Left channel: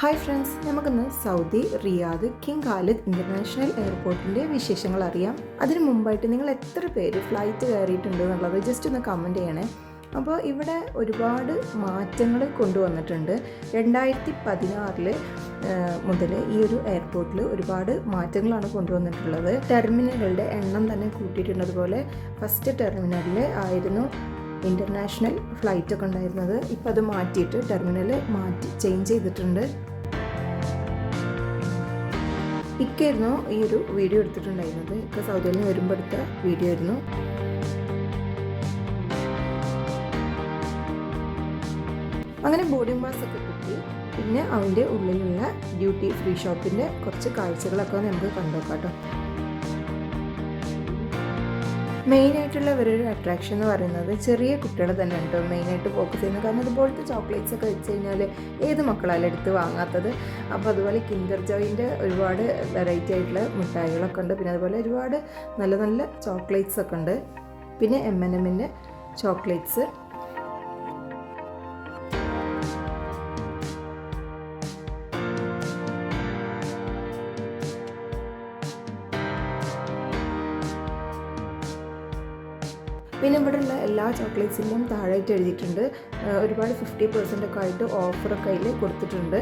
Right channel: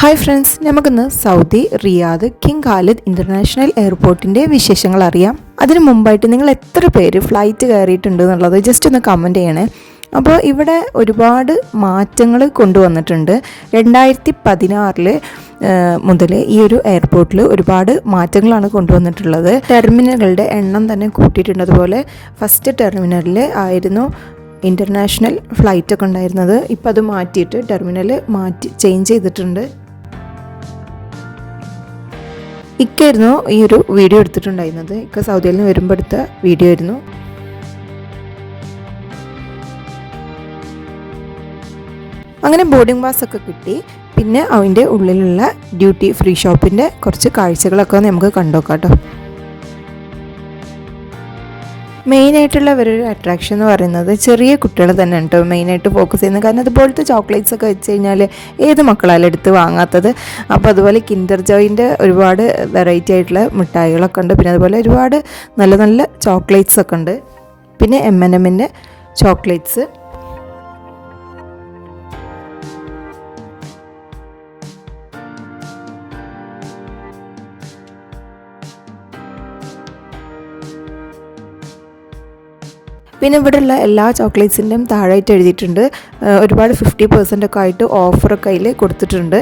Hi friends നമുക്കിന്ന് Saudi Riyadh king Khalid international എയർപോർട്ടിന്റെ വിശേഷങ്ങൾ അറിയാം. അതിന് മുമ്പായിട്ട് നിങ്ങൾ എത്ര പേര് ഫ്ലൈറ്റ് കയറിയിട്ടുണ്ട് എന്നുള്ളത് ജസ്റ്റ് ഒന്ന് കമന്റ് ചെയ്യണേ. അപ്പോൾ ഇവിടെ ഒരുപാട് മാറ്റങ്ങൾ കൊണ്ടുവന്നിട്ടുണ്ട്. രണ്ടായിരത്തി പതിനാറിൽ മുതൽ ഈ ഒരു എയർപോർട്ടിൽ ഒരുപാട് മാറ്റങ്ങളാണ് കൊണ്ടുവന്നിട്ടുള്ളത്. ടെർമിനലുകളുടെ എണ്ണം തന്നെ കൂട്ടിയിട്ടുണ്ട്. അതുപോലെ ഫസ്റ്റ് ടെർമിനലിൽ ആയിരുന്നു ഇന്റർനാഷണൽ ഫ്ലൈറ്റൊക്കെ ഉണ്ടായിരുന്നത്. ഇപ്പോൾ അത് മാറ്റിയിട്ട് ടെർമിനൽ മാറ്റി ചേഞ്ച് ചെയ്തിട്ടുണ്ട്. ഇക്കായിരുന്നു ഈ ഒരു വീഡിയോ എടുത്തിട്ടുണ്ടായിരുന്നത്. ഇക്ക സൗദിയിൽ നിന്ന് വരുമ്പോൾ എടുത്ത വീഡിയോ ആയിരുന്നു. അങ്ങനെ ബോർഡിംഗ് പാസ് ഒക്കെ കിട്ടി. പിന്നെ അതിന്റെ ഉള്ളിലുള്ള ഡ്യൂട്ടി ഫ്രീ ഷോപ്പിന്റെ കുറച്ച് കാഴ്ചകളൊക്കെ നമുക്ക് കണ്ടുനോക്കാം കേട്ടോ. മെയിനായിട്ടുള്ള ഒരു അട്രാക്ഷൻ എന്ന് പറയുന്നത് ചെറിയ കുട്ടികൾ തന്നെ ഉണ്ട് മെയിനായിട്ട് ഫോക്കസ് ചെയ്യുന്നത്. കാരണം അതുപോലത്തെ ചോക്ലേറ്റ്സ് ഒക്കെ വെച്ച് കഴിഞ്ഞാൽ ഏത് മക്കളാലും എടുത്ത് വാങ്ങാത്തത്. അപ്പോൾ അതുപോലെ കിൻഡർ ജോയിന്റെ ഒരുപാട് വെറൈറ്റി ആയിട്ടുള്ള മിഠായികളൊക്കെ ഉണ്ട്. പിന്നെ അതുപോലെ ഒരുപാട് നല്ല നല്ല ചോക്ലേറ്റ്സ് ഒക്കെ ഉണ്ട്. പിന്നെ എം എൻ എമ്മിന്റെ ചോക്ലേറ്റ്സ് പിന്നെ ഇവിടെയുള്ള എല്ലാ ചോക്ലേറ്റ്സിന്റെയും താഴായിട്ട് എഴുതിയിട്ടുണ്ട്. ഒരുപാട് ഫിഫ്റ്റി പെർസെന്റ് ഒക്കെ ആയിട്ട് ഓഫറൊക്കെ അതിൽ കൊടുത്തിട്ടുണ്ട്.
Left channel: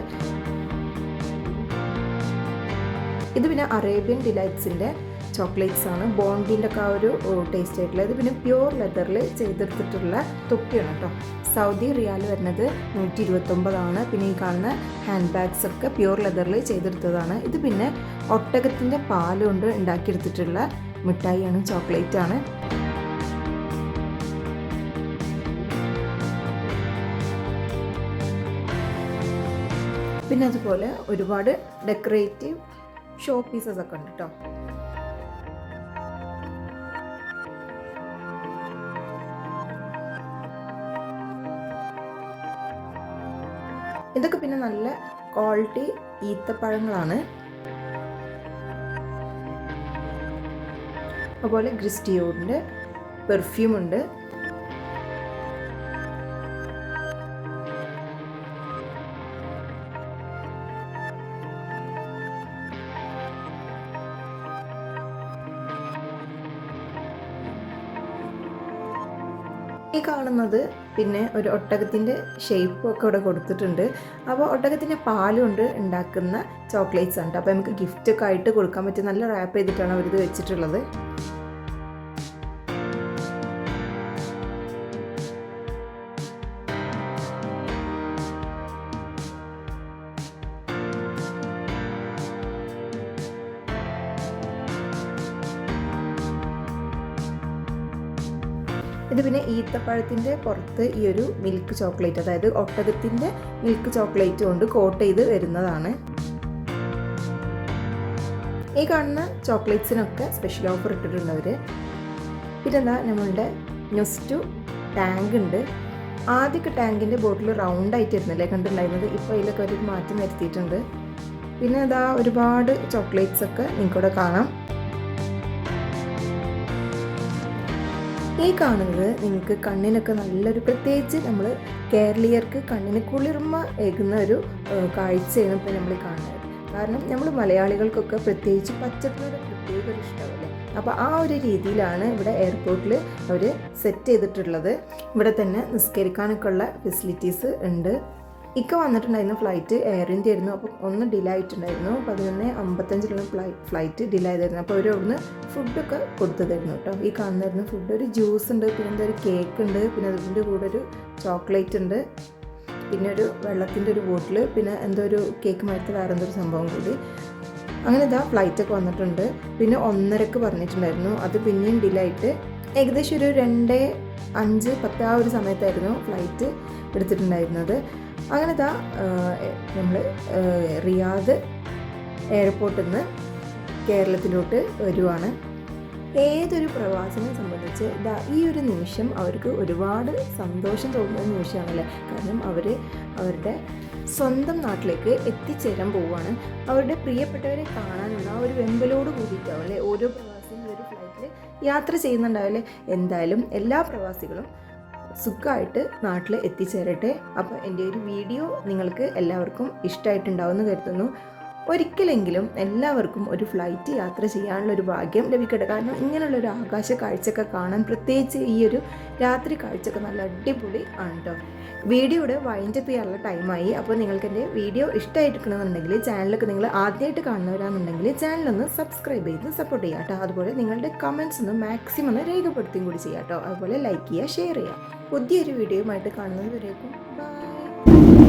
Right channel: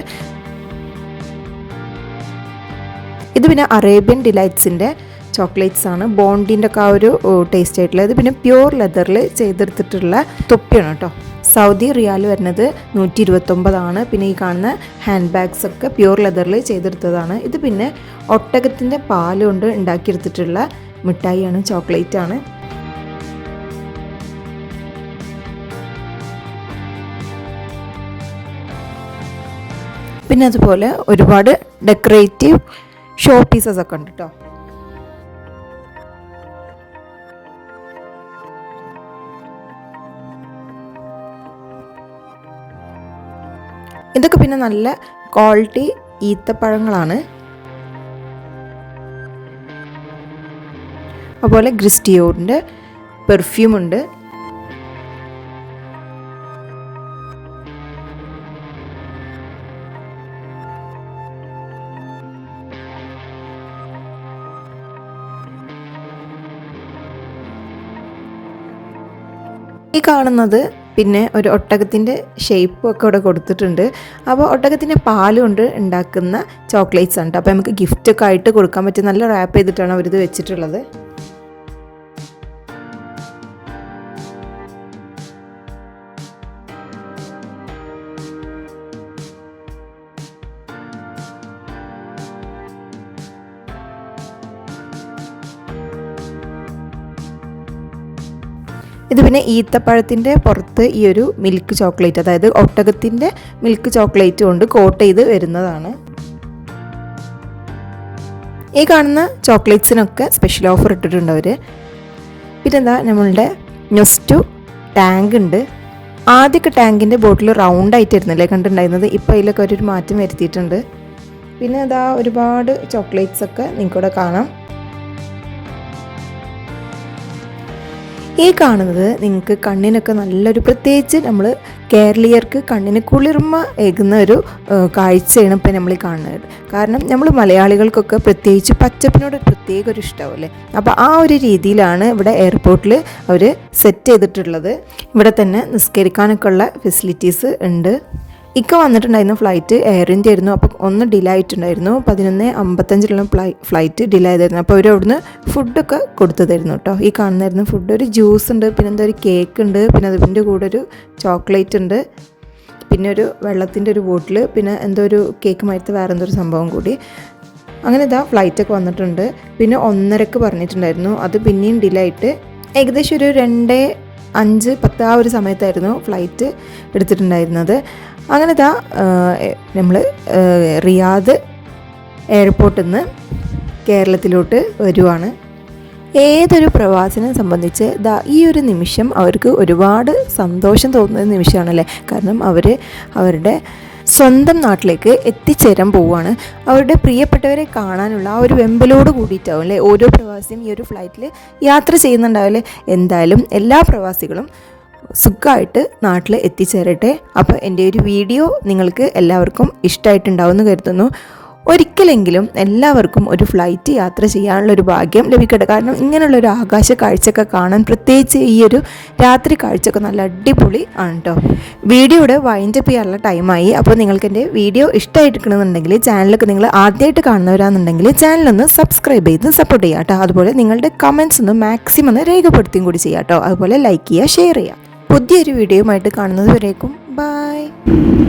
ഇത് പിന്നെ അറേബ്യൻ ഡിലൈറ്റ്സിന്റെ ചോക്ലേറ്റ്സ് ആണ്. ബോണ്ടിന്റെ ഒക്കെ ആ ഒരു ടേസ്റ്റ് ആയിട്ടുള്ളത്. പിന്നെ പ്യൂർ ലെതറിൽ ചെയ്തെടുത്തിട്ടുള്ള തൊപ്പിയാണ് കേട്ടോ. സൗദി റിയാൽ വരുന്നത് നൂറ്റി ഇരുപത്തൊമ്പതാണ് പിന്നെ ഈ കാണുന്ന ഹാൻഡ് ബാഗ്സ് ഒക്കെ പ്യൂർ ലെതറിൽ ചെയ്തെടുത്തതാണ്. ഇത് പിന്നെ ഒട്ടകത്തിന്റെ പാലുകൊണ്ട് ഉണ്ടാക്കിയെടുത്തിട്ടുള്ള മിഠായിയാണ് ചോക്ലേറ്റ് ആണ്. പിന്നെ അതുപോലെ ഒരുപാട് ഡെക്കറേറ്റീവ് ഷോ പീസസ് ഒക്കെ ഉണ്ട് കേട്ടോ ഇതൊക്കെ പിന്നെ നല്ല ക്വാളിറ്റി ഈത്തപ്പഴങ്ങളാണ്. അതുപോലെ ഗ്രിസ്റ്റിയോറിന്റെ പെർഫ്യൂം ഈ കാണുന്നത് പിന്നെ ഒരു ഒട്ടകത്തിന്റെ ഷേപ്പും ഒക്കെ ഇവിടെ കൊടുത്തിട്ടുണ്ട്. അപ്പോൾ ഒട്ടകത്തിന്റെ പാൽ കൊണ്ട് ഉണ്ടാക്കുന്ന ചോക്ലേറ്റ്സ് ഉണ്ട് അപ്പോൾ നമുക്ക് ഗിഫ്റ്റൊക്കെ ആയിട്ട് കൊടുക്കാൻ പറ്റും നല്ല റാപ്പ് ചെയ്തിട്ടാണ് അവരിത് വെച്ചിട്ടുള്ളത്. ഇത് പിന്നെ ഈത്തപ്പഴത്തിന്റെ പുറത്ത് ഈ ഒരു മിൽക്ക് ചോക്ലേറ്റ് അതായത് ഒട്ടകത്തിന്റെ മിൽക്ക് ചോക്ലേറ്റ് കൊണ്ട് കോട്ട് ചെയ്ത് വരുന്നതാണ്. ഈ കാണുന്ന ചോക്ലേറ്റ്സിനൊക്കെ സ്പെഷ്യൽ ഓഫർ ഇട്ടിട്ടുണ്ട് അവർ പിന്നെന്താ നമ്മളുടെ നെസ്റ്റു ടാങ്ക് ഉണ്ട്. ആദ്യമൊക്കെ ടാങ്കിന്റെ ബോട്ടിൽ റൗണ്ട് ആയിട്ടായിരുന്നല്ലേ കണ്ടിട്ടുണ്ടായിരുന്നത്? ഇപ്പോൾ അതിലൊക്കെ ഒരു മാറ്റം വരുത്തിയിട്ടുണ്ട്. പിന്നെ അതാ ഒരുപാട് ചോക്ലേറ്റ്സൊക്കെ നിങ്ങൾക്കിവിടെ കാണാം. ഈ കാണുന്നത് നിങ്ങൾക്ക് കണ്ണിനൊക്കെ നല്ലൊരു പ്രത്യേകിച്ച് നമ്മൾ കേരളീയർക്ക് കണ്ണിന് കുളിർമ ഏകുന്ന ഒരു കാഴ്ചയാണ് ഇപ്പം നമ്മൾ കാണുന്നത്. കാരണം നമ്മൾ മലയാളികൾക്കൊക്കെ പ്രത്യേകിച്ച് പച്ചപ്പിനോട് പ്രത്യേക ഒരു ഇഷ്ടമല്ലേ അപ്പോൾ ആ ഒരു രീതിയിലാണ് ഇവിടെ എയർപോർട്ടിൽ അവർ സെറ്റ് ചെയ്തിട്ടുള്ളത്. ഇവിടെ തന്നെ നിസ്കരിക്കാനൊക്കെ ഉള്ള ഫെസിലിറ്റീസ് ഉണ്ട്. ഇക്ക വന്നിട്ടുണ്ടായിരുന്നു ഫ്ലൈറ്റ് എയർ ഇന്ത്യ ആയിരുന്നു. അപ്പം ഒന്ന് ഡിലേ ആയിട്ടുണ്ടായിരുന്നു. പതിനൊന്ന് അമ്പത്തഞ്ചിലുള്ള ഫ്ലൈ ഫ്ലൈറ്റ് ഡിലേ ആയതായിരുന്നു. അപ്പോൾ അവർ അവിടുന്ന് ഫുഡൊക്കെ കൊടുത്തതായിരുന്നു കേട്ടോ ഈ കാണുന്നായിരുന്നു ഫുഡ് ഒരു ജ്യൂസ് ഉണ്ട് പിന്നെ എന്താ ഒരു കേക്ക് ഉണ്ട് പിന്നെ അതിന്റെ കൂടെ ഒരു ചോക്ലേറ്റ് ഉണ്ട് പിന്നെ ഒരു വെള്ളത്തിന്റെ ഒരു ബോട്ടിൽ പിന്നെ എന്തോ ഒരു കേക്ക് മരത്ത് വേറെ എന്തോ ഒരു സംഭവം കൂടി. അങ്ങനെ ഇതാ ഫ്ലൈറ്റൊക്കെ വന്നിട്ടുണ്ട്. പിന്നെ ഒന്നരക്ക് പറഞ്ഞിട്ടുണ്ടായിരുന്നു. അത് പിന്നെയും ഡിലേ ആയിട്ട് ഏകദേശം ഒരു രണ്ട് അഞ്ച് പത്ത് ആ ഒരു സമയത്തായിരുന്നു ഫ്ലൈറ്റ് എടുത്തിട്ടുണ്ടായിരുന്നത്. അങ്ങനെ ഇതാ നമ്മൾ റിയാദ് എയർപോർട്ടിൽ നിന്ന് കേരളത്തിലോട്ട് വരുവാണ്. ഏതൊരു പ്രവാസനെ സംബന്ധിച്ച് ദാ ഈ ഒരു നിമിഷം അവർക്ക് ഒരുപാട് സന്തോഷം തോന്നുന്ന നിമിഷമാണല്ലേ? കാരണം അവർ അവരുടെ സ്വന്തം നാട്ടിലേക്ക് എത്തിച്ചേരാൻ പോവുകയാണ്. അവരുടെ പ്രിയപ്പെട്ടവരെ കാണാനുള്ള ആ ഒരു വെമ്പലോട് കൂടിയിട്ടാവും അല്ലേ ഓരോ പ്രവാസിയും ഈ ഒരു ഫ്ലൈറ്റിൽ യാത്ര ചെയ്യുന്നുണ്ടാവില്ലേ എന്തായാലും എല്ലാ പ്രവാസികളും സുഖമായിട്ട് നാട്ടിൽ എത്തിച്ചേരട്ടെ. അപ്പോൾ എന്റെ ഒരു വീഡിയോ നിങ്ങൾക്ക് എല്ലാവർക്കും ഇഷ്ടമായിട്ടുണ്ടാവുമെന്ന് കരുതുന്നു. ഒരിക്കലെങ്കിലും എല്ലാവർക്കും ഒരു ഫ്ലൈറ്റ് യാത്ര ചെയ്യാനുള്ള ഒരു ഭാഗ്യം ലഭിക്കട്ടെ. കാരണം ഇങ്ങനെയുള്ള ഒരു ആകാശ കാഴ്ചയൊക്കെ കാണാൻ പ്രത്യേകിച്ച് ഈ ഒരു രാത്രി കാഴ്ചയൊക്കെ നല്ല അടിപൊളി ആണ് കേട്ടോ വീഡിയോയുടെ വൈൻഡപ്പ് ചെയ്യാനുള്ള ടൈമായി അപ്പോൾ നിങ്ങൾക്ക് എന്റെ വീഡിയോ ഇഷ്ടമായിട്ടിരിക്കണമെന്നുണ്ടെങ്കിൽ ചാനലൊക്കെ നിങ്ങൾ ആദ്യമായിട്ട് കാണുന്നവരാണെന്നുണ്ടെങ്കിൽ ചാനലൊന്ന് സബ്സ്ക്രൈബ് ചെയ്ത് സപ്പോർട്ട് ചെയ്യുക കേട്ടോ അതുപോലെ നിങ്ങളുടെ കമൻസ് ഒന്ന് മാക്സിമം ഒന്ന് രേഖപ്പെടുത്തുകയും കൂടി ചെയ്യാം കേട്ടോ അതുപോലെ ലൈക്ക് ചെയ്യുക ഷെയർ ചെയ്യുക. പുതിയൊരു വീഡിയോയുമായിട്ട് കാണുന്നത് വരേക്കും ബൈ